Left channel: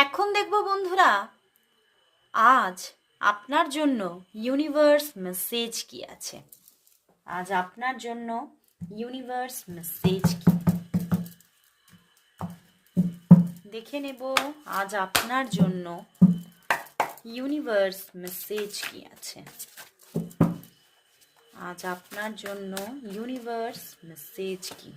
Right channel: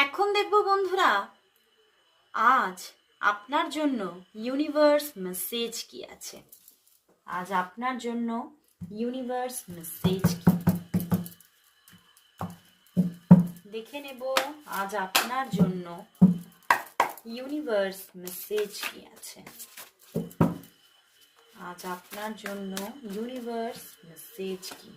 এখন দেখব বন্ধুরা, আজ আপনার জন্য ইউনিভার্স মেসেজ কি আছে। আজ আপনার জন্য ইউনিভার্স মেসেজ কি দেখে নেব। আজ আপনার জন্য ইউনিভার্স মেসেজ কি আছে। আজ আপনার জন্য ইউনিভার্স মেসেজ কি।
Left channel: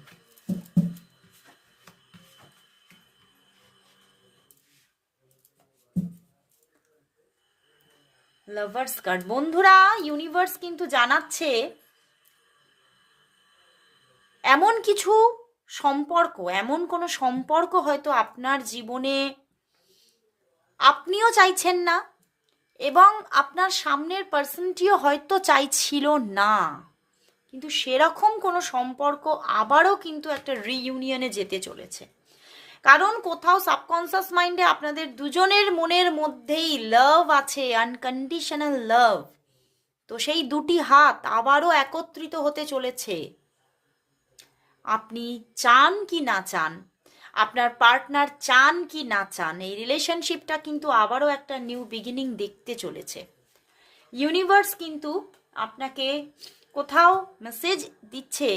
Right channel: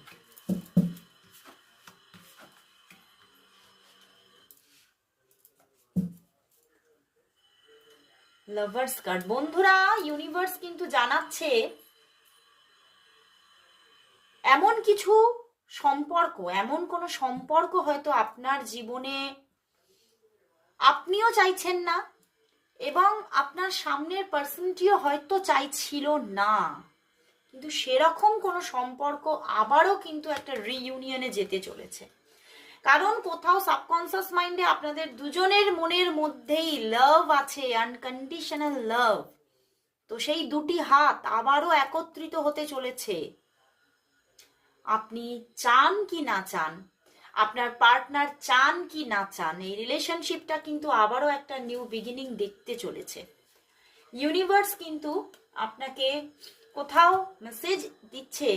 Lovers card. বন্ধুরা, ইউনিভার্স কিন্তু জানাচ্ছে এমন কিছু সম্পর্ক, এমন কোনো সম্পর্ক হয়তো আপনার জীবনে আপনিও চাইছেন না এবং আপনার সামনের পার্সনটিও হয়তো চাইছিল না, কিন্তু সেরকম কোনো সম্পর্ক আবারও কিন্তু একটা রিইউনিয়নে যেতে চলেছে। কারণ কোথাও সাবকনসিয়াস মাইন্ডে আপনাদের দুজনের মনের মধ্যেই লাভ আছে, আনকন্ডিশনাল লাভ। তো সেই দুটি হাত আবারও একত্রিত হতে চলেছে। আপনি চান কি না চান, আপনার পার্টনার চান কি না চান, এই রিলেশনশিপটা কিন্তু আবারও একটা নিউ বিগিনিং দেখতে চলেছে। ইউনিভার্স কিন্তু আপনাকে কোথাও মেসেজ দিচ্ছে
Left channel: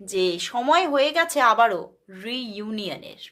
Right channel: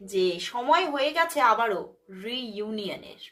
যে সময় হয়ে গেছে আবারও রিইউনিয়নের।